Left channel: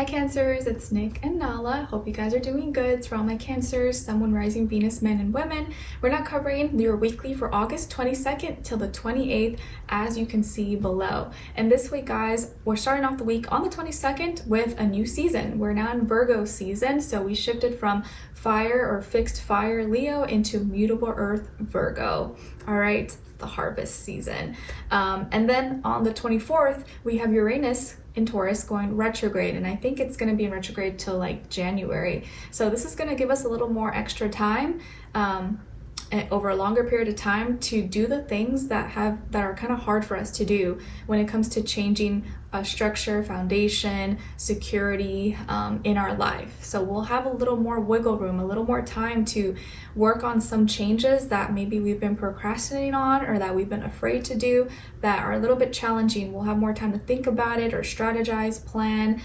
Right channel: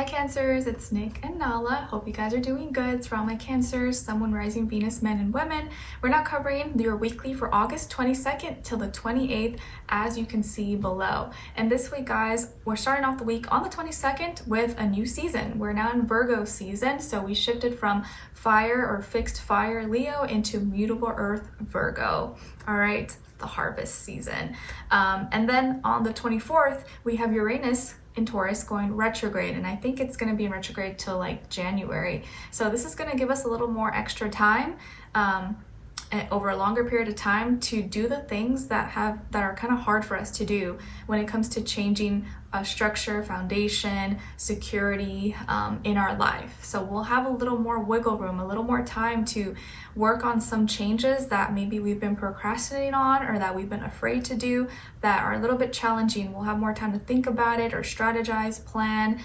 Hi Cancers, it's Nick and Nala. Hope you guys are doing good. It's for all my Cancers, Sun, Moon, Rising, Venus, men and women. We're now covering your weekly for August 22nd till the 28th, as you can see below. And this week, guys, we're starting off the week on the 22nd with a new season. We're now in Virgo season, so we shifted from fire or fixed fire Leo into mutable earth Virgo. All right, the harvest season. And then on the 24th, we have Uranus in Taurus going retrograde, and I think it's going to be in retrograde till like January. So this is going to give us a little more extra time over a longer period of time to do the things that are kind of hard for us to do when it comes to changing a structure, foundation, security in our life. So we'll have a little more wiggle room, a little more time to work on some changes that maybe we've been procrastinating on or that we've been afraid to do that are a little bit challenging. We'll have more time to think about it or strategize, plan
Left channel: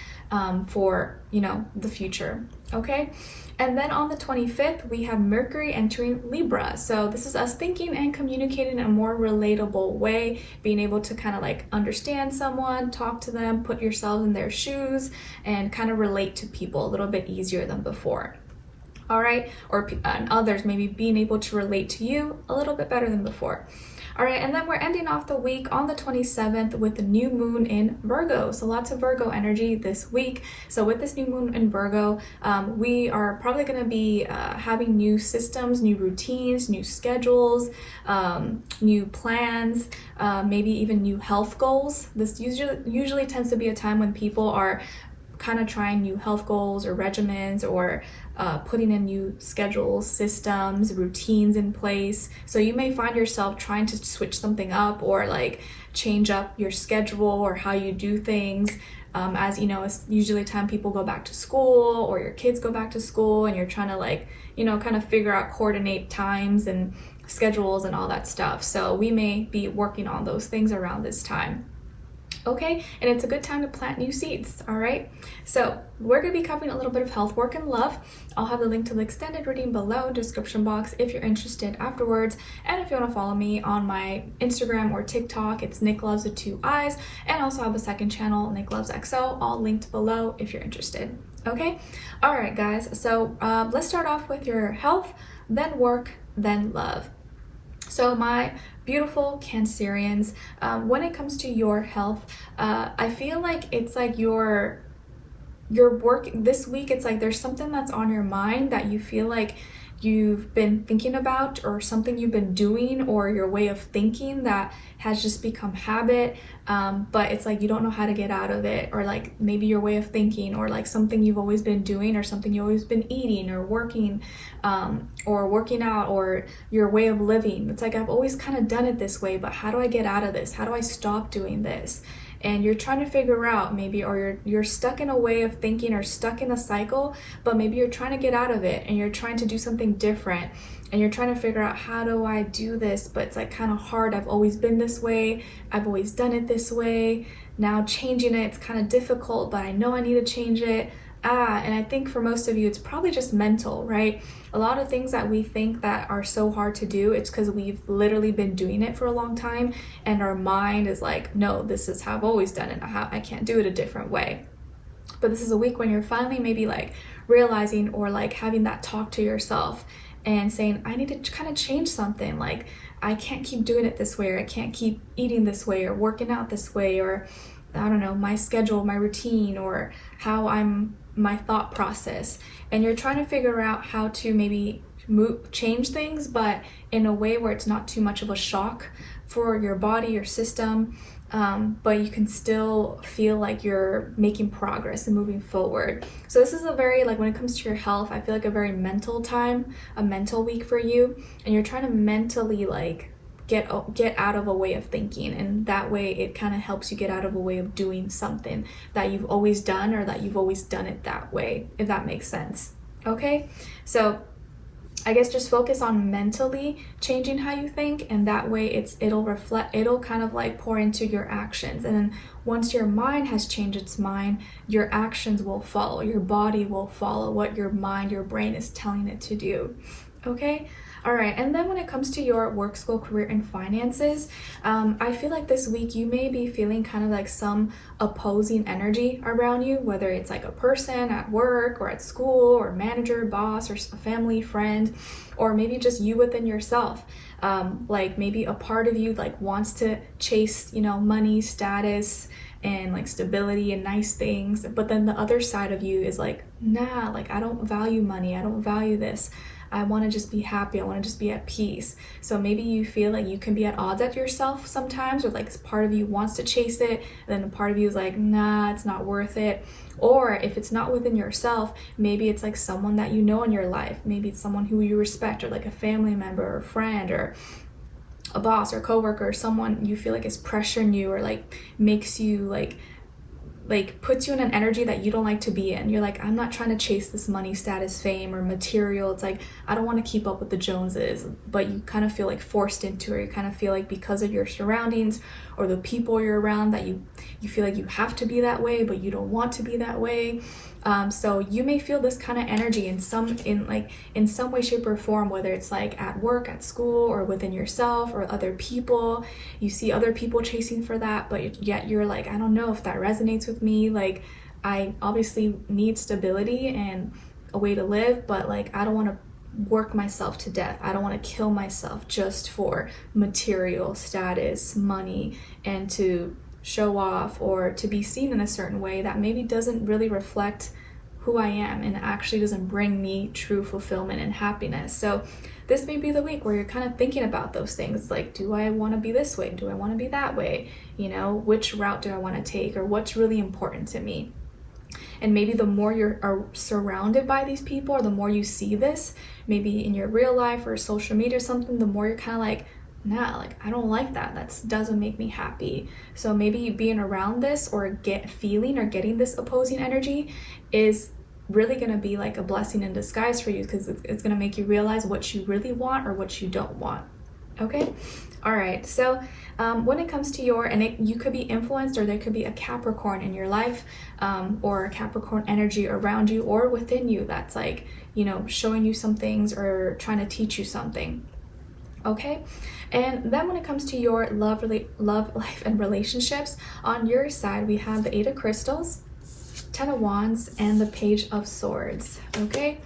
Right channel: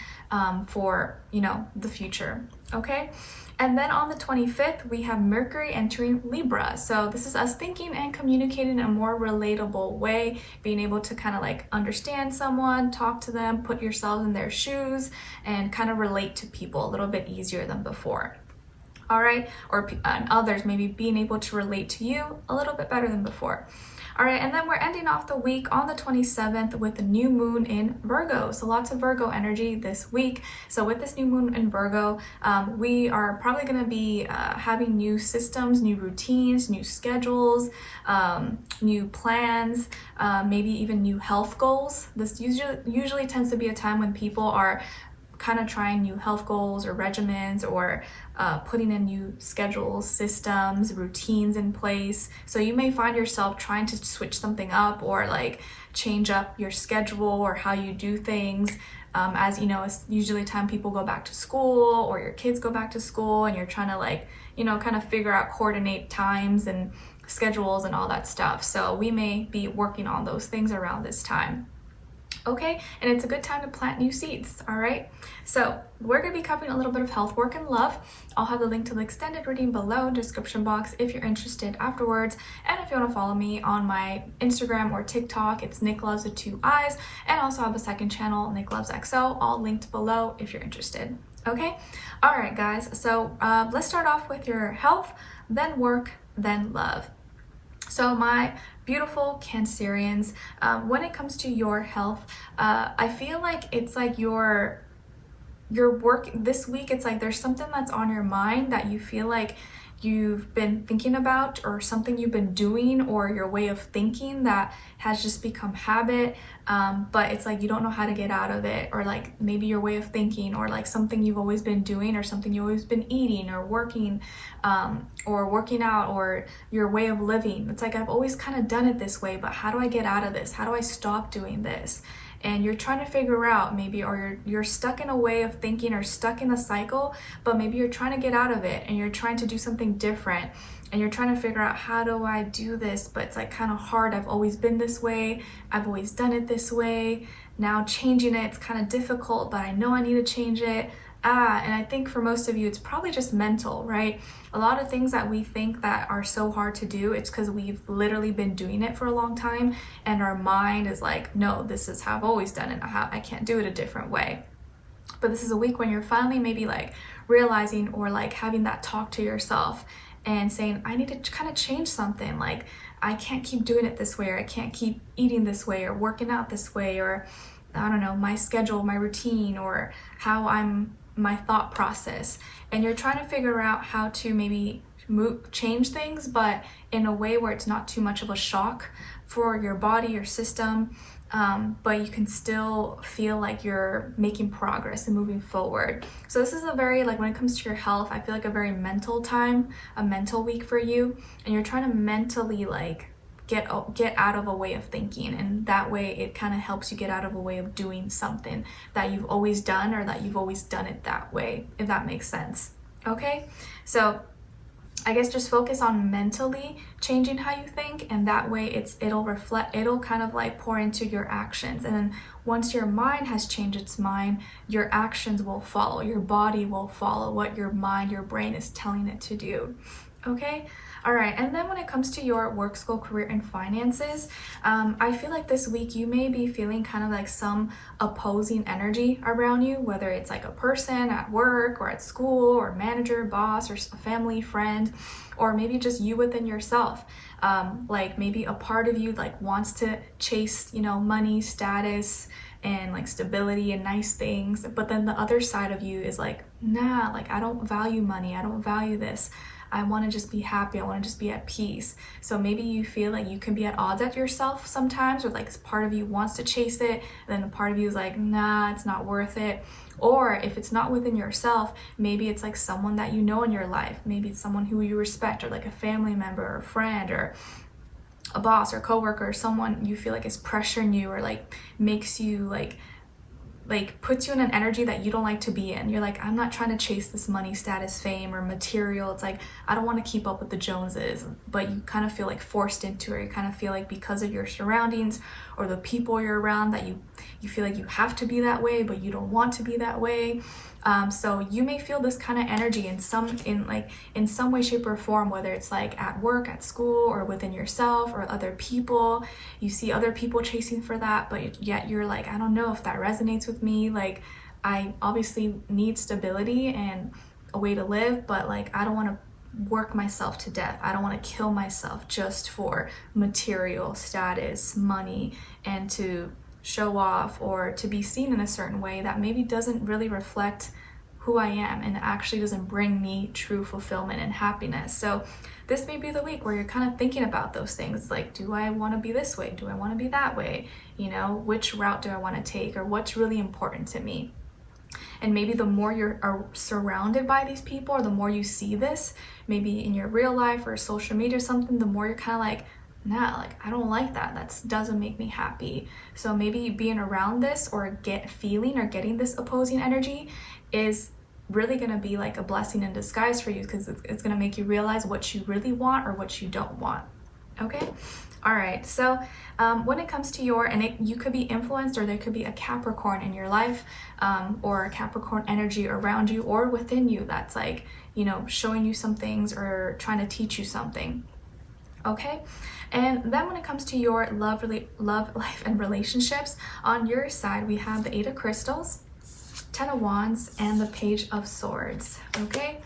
for, the future. Okay. And then on the 25th, we have Mercury entering Libra. So this is us thinking and communicating in a more relatable way, being able to kind of like understand someone, talk to them, put yourselves in their shoes, and kind of relate to people a little bit easier than before. All right, or others maybe being able to relate to you a little bit better than before. All right, and then we're ending off the week on the 27th with the new moon in Virgo. So lots of Virgo energy this week. So with this new moon in Virgo, we are probably going to be having new systems, new routines, new schedules, new plans, maybe even new health goals. This usually tends to be a time when people are kind of trying new health goals or regimens or putting in new schedules, systems, routines in place. So you may find yourself trying to switch something up or like change up your schedule or how you do things. As you know, it's usually time people go back to school or your kids go back to school and you're trying to kind of figure out, coordinate times and schedules and all that stuff. So we may be working on those things around this time. Okay, and it's a good time to plant new seeds. All right, so we're going to be covering a little bit of health, work, and love. I'll have the link to the extended reading below in the description box if you're interested afterwards. And if you want to follow me on my Instagram or TikTok, it's Nicloves with 2 eyes, and I also have a second channel, Nicloves XO, all linked below if you're interested. Okay, all right, guys. So let's start off with your health, then work, then love. So my beautiful Cancerians, when it comes to your health, I feel like it's like your work this week, it's like there's something that's on your mind that you feel like you've been thinking about, or something you've been doing, or your way of thinking that has just become habit, but it's like you don't know how to get out of it, or like maybe your way of thinking, or like something you've always been doing, or something you've always been eating or working out, or your way of living. It's like I've always kind of done it this way, but how do I get out of this? How do I stop doing this? And you're trying to figure out maybe, or you're stuck in a way of thinking or stuck in a cycle, but maybe you're trying to get out of it and you're trying to do something different and you're trying to figure out, how do I do this? But it's like kind of hard. I've always been this way. I've always done it this way. Now changing it, it's kind of difficult, but I know I need to change it. And I think for most of you, it's probably just mental, right? A lot of things that we think that are so hard to do, it's because we've literally been doing it for a long time and our mind is like, no, this is how I've always done it. I can't do it a different way. But this is a week when you're finally maybe like realizing, or like having that talk to yourself and saying, I need to kind of change something. Like, I can't keep doing it this way, or I can't keep eating this way, or working out this way, or I don't know, my schedule, my routine, or my thought process. And you're trying to figure out how to maybe change things, but in a way where it's not too much of a shock for your body, your system, but you can still feel like you're making progress and moving forward. So this is a very, like, when it comes to your health, I feel like a very mental time, a mental week for you, and you're trying to mentally like get out of a way of thinking, and that way it kind of helps you get out of a way of doing something that you've always done, or that you've always done it that way, if that makes sense. Okay, so I guess just focus on mentally changing how you think, and that way it'll kind of like pour into your actions. And then once your mind has changed its mind, your actions will follow, your body will follow what your mind, your brain is telling it to do. Okay, All right, and then when it comes to your work, school, career, and finances, I feel like this week you may be feeling kind of like some opposing energy around you, whether it's like a person at work or at school or manager, boss, or a family, friend, or maybe just you within yourself. Like maybe a part of you like wants to chase, money, status, and like stability and nice things, but then the other side of you is like, nah, like I don't value money, I don't value this. I want to just be happy. I want to just be at peace. So maybe you feel like you can be at odds at yourself sometimes, or like part of you wants to chase it, and then a part of you is like, nah, it's not worth it. Or if it's not within yourself, maybe it's like someone that you know in your life. Maybe it's someone who you respect, or like a family member or friend, or a boss or coworker, or someone you feel like is pressuring you, or like makes you like puts you in an energy that you don't like to be in. You're like, I'm not trying to chase this money, status, fame, or material. It's like, I don't want to keep up with the Joneses, but you kind of feel like forced into it. You kind of feel like because of your surroundings or the people you're around that you feel like you have to be that way, but you don't want to be that way. So you may feel this kind of energy in some way, shape, or form, whether it's like at work, at school, or within yourself or other people. You see other people chasing for that, but yet you're like, I don't know if that resonates with me. Like, I obviously need stability and a way to live, but like, I don't want to work myself to death. I don't want to kill myself just for material, status, money, and to show off or to be seen in a certain way that maybe doesn't really reflect who I am and actually doesn't bring me true fulfillment and happiness. So this may be the week where you're kind of thinking about those things, like, do I want to be this way? Do I want to be that way? Which route do I want to take, or what's really important to me? And maybe the more are surrounded by these people, or the more you see this, maybe in your real life or social media or something, the more you're kind of like, nah, like I don't like that. That doesn't make me happy. So maybe being around this or getting this opposing energy is really going to be like a blessing in disguise for you, because it's going to make you realize what you really want or what you don't want. Okay. All right. So when it comes to you could be influenced, or there could be a Capricorn in your life, or Capricorn energy around you or within you that's like, showing you some things or trying to teach you something. Okay. And then when it comes to your love life and relationships, on your side we have the 8 of Crystals, 10 of Wands, and the Page of Swords. Okay.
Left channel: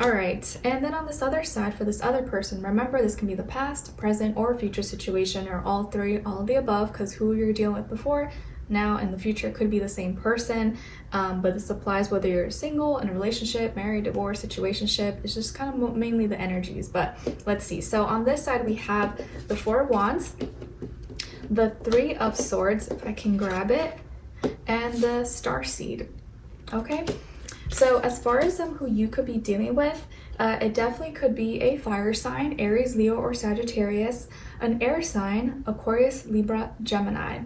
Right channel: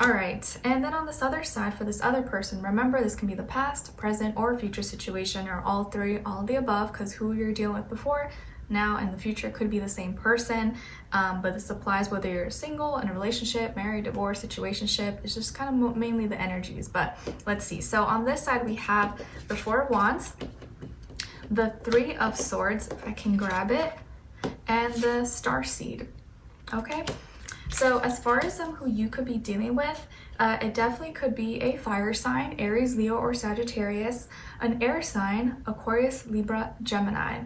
All right. And then on this other side, for this other person, remember, this can be the past, present, or future situation, or all three, all of the above, because who you're dealing with before, now, and the future could be the same person. But this applies whether you're single, in a relationship, married, divorced, situationship. It's just kind of mainly the energies. But let's see. So on this side, we have the 4 of Wands, the 3 of Swords, if I can grab it, and the Starseed. Okay. So as far as who you could be dealing with, it definitely could be a fire sign, Aries, Leo, or Sagittarius, an air sign, Aquarius, Libra, Gemini.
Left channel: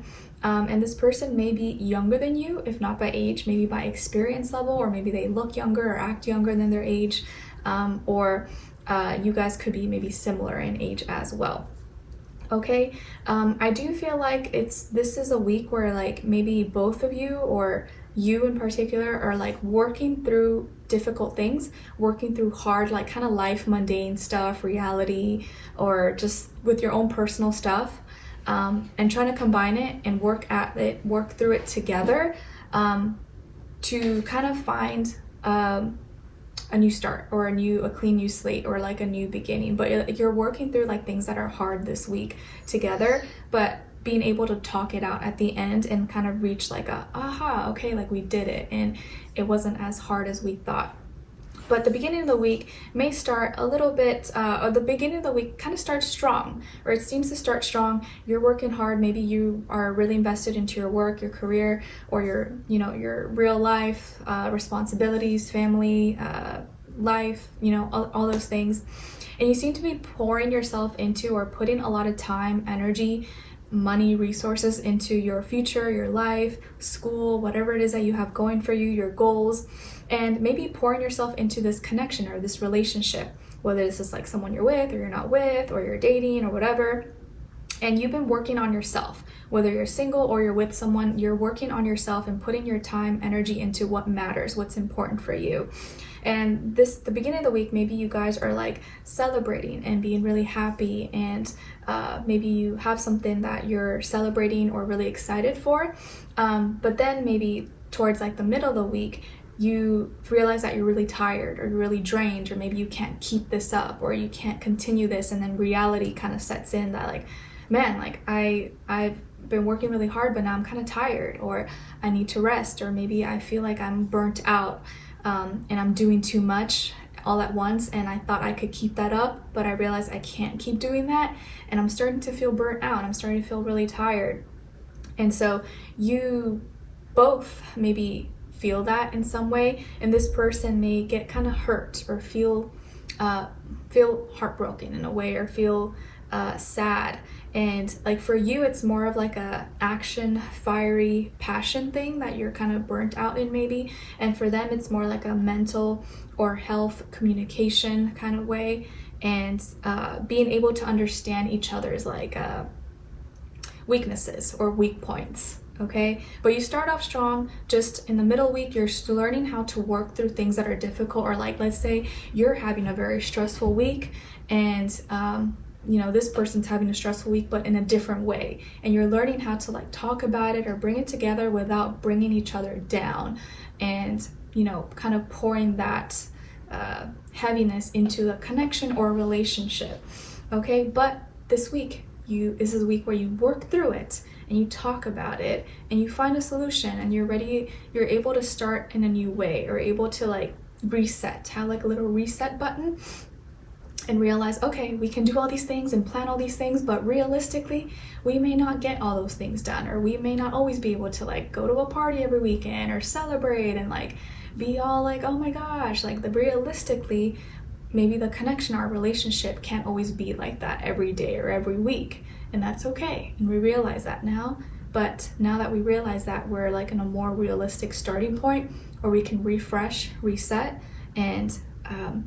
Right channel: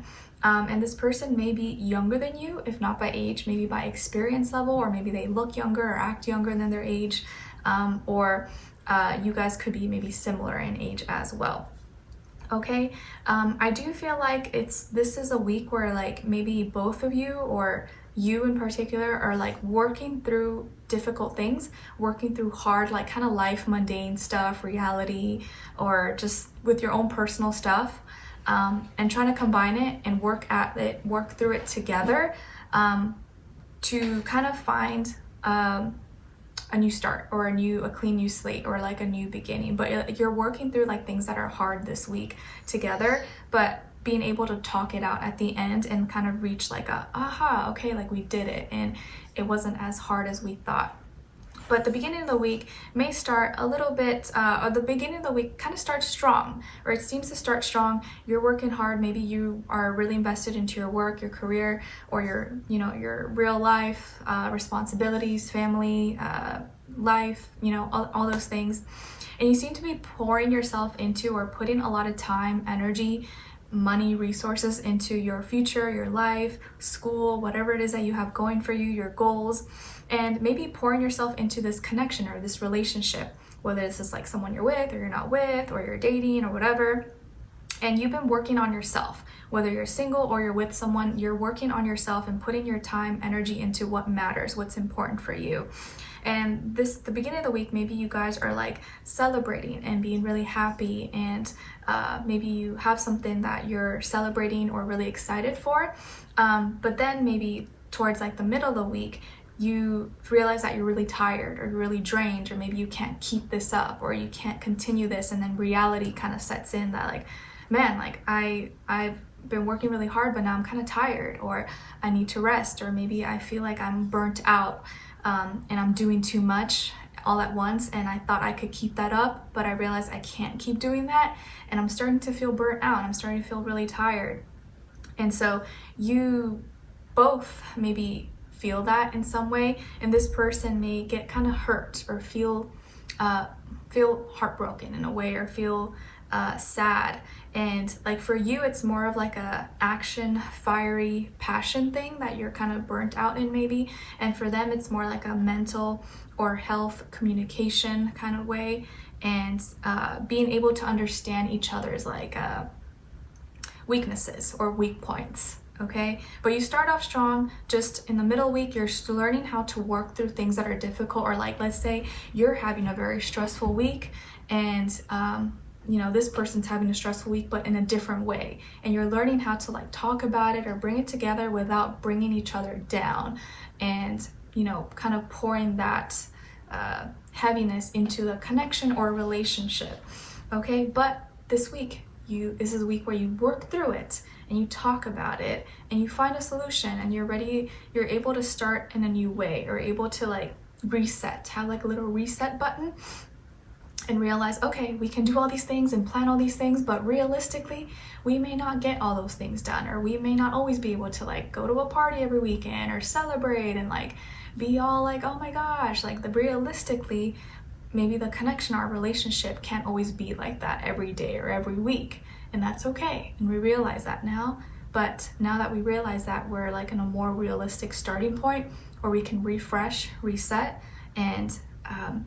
And this person may be younger than you, if not by age, maybe by experience level, or maybe they look younger or act younger than their age, or you guys could be maybe similar in age as well. Okay, I do feel like this is a week where like maybe both of you, or you in particular, are like working through difficult things, working through hard, like kind of life, mundane stuff, reality, or just with your own personal stuff, and trying to combine it and work through it together, to kind of find a new start, or a clean new slate, or like a new beginning. But you're working through like things that are hard this week together, but being able to talk it out at the end and kind of reach like aha, okay, like we did it, and it wasn't as hard as we thought. But the beginning of the week may start a little bit, or the beginning of the week kind of starts strong, or it seems to start strong. You're working hard. Maybe you are really invested into your work, your career, or your real life responsibilities, family, life, all those things. And you seem to be pouring yourself into, or putting a lot of time, energy, money, resources into your future, your life, school, whatever it is that you have going for you, your goals, and maybe pouring yourself into this connection or this relationship, whether this is like someone you're with or you're not with, or you're dating or whatever. And you've been working on yourself, whether you're single or you're with someone, you're working on yourself and putting your time, energy into what matters, what's important for you. And the beginning of the week, maybe you guys are like celebrating and being really happy, and maybe you have something that you're celebrating or really excited for. But then maybe towards like the middle of the week, you realize that you're really tired or you're really drained, or maybe you can't keep this up or you can't continue this, and then reality kind of sets in that like, man, like I've been working really hard, but now I'm kind of tired, or I need to rest, or maybe I feel like I'm burnt out and I'm doing too much all at once, and I thought I could keep that up, but I realized I can't keep doing that, and I'm starting to feel burnt out. I'm starting to feel really tired. And so you both maybe feel that in some way, and this person may get kind of hurt or feel heartbroken in a way, or feel sad. And like for you, it's more of like a action, fiery passion thing that you're kind of burnt out in maybe, and for them it's more like a mental or health communication kind of way, and being able to understand each other's like weaknesses or weak points. Okay, but you start off strong. Just in the middle week, you're still learning how to work through things that are difficult, or like, let's say you're having a very stressful week, and you know, this person's having a stressful week, but in a different way, and you're learning how to like talk about it or bring it together without bringing each other down, and you know, kind of pouring that heaviness into a connection or a relationship. Okay, but this week, this is a week where you work through it and you talk about it and you find a solution, and you're able to start in a new way, or able to like reset, have like a little reset button, and realize, okay, we can do all these things and plan all these things, but realistically we may not get all those things done, or we may not always be able to like go to a party every weekend or celebrate and like be all like, oh my gosh, like realistically maybe the connection, our relationship can't always be like that every day or every week, and that's okay. And we realize that now, but now that we realize that, we're like in a more realistic starting point where we can refresh, reset, and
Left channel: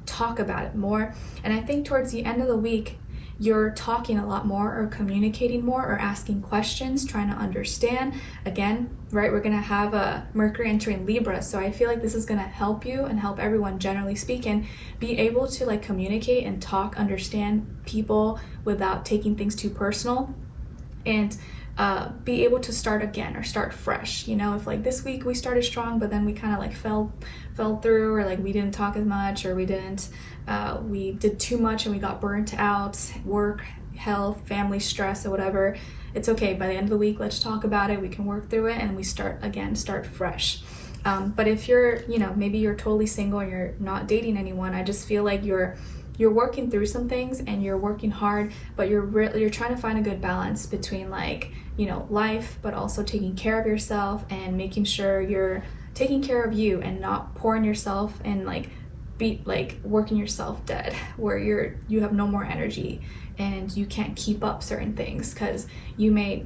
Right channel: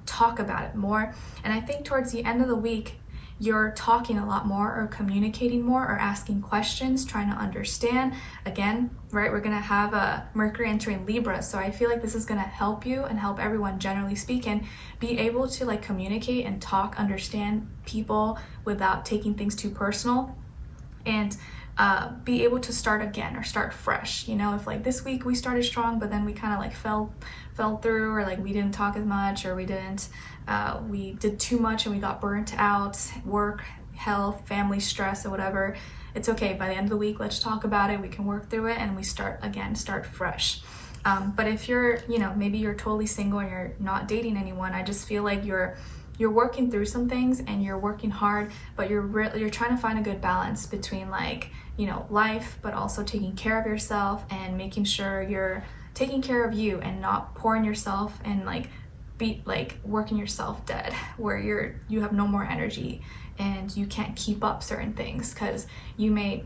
talk about it more. And I think towards the end of the week, you're talking a lot more, or communicating more, or asking questions, trying to understand. Again, right, we're gonna have a Mercury entering Libra, so I feel like this is gonna help you and help everyone, generally speaking, be able to like communicate and talk, understand people without taking things too personal, and be able to start again or start fresh. You know, if like this week we started strong, but then we kind of like fell through, or like we didn't talk as much, or we did too much and we got burnt out, work, health, family stress, or whatever, it's okay. By the end of the week, let's talk about it, we can work through it, and we start fresh. But if you're, you know, maybe you're totally single and you're not dating anyone, I just feel like you're working through some things and you're working hard, but you're trying to find a good balance between like, you know, life, but also taking care of yourself and making sure you're taking care of you and not pouring yourself and like working yourself dead, where you have no more energy and you can't keep up certain things. Because you may,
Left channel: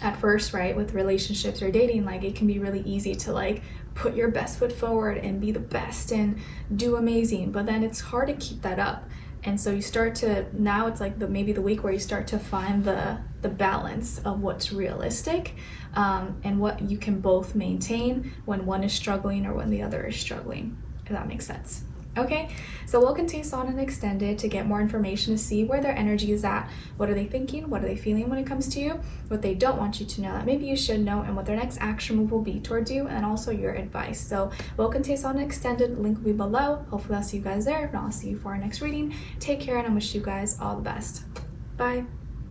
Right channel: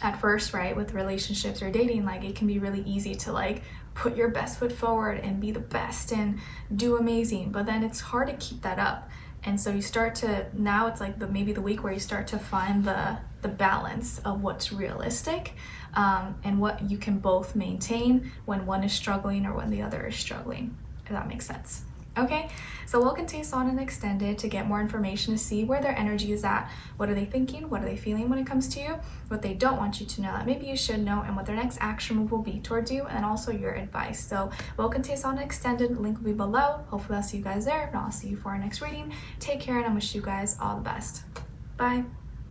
at first, right, with relationships or dating, like it can be really easy to like put your best foot forward and be the best and do amazing, but then it's hard to keep that up. And so you start to, now it's like maybe the week where you start to find the balance of what's realistic, and what you can both maintain when one is struggling or when the other is struggling, if that makes sense. Okay, so we'll continue on and extend it to get more information, to see where their energy is at, what are they thinking, what are they feeling when it comes to you, what they don't want you to know that maybe you should know, and what their next action move will be towards you, and also your advice. So we'll continue on and extended, link will be below. Hopefully I'll see you guys there. If not, I'll see you for our next reading. Take care, and I wish you guys all the best. Bye.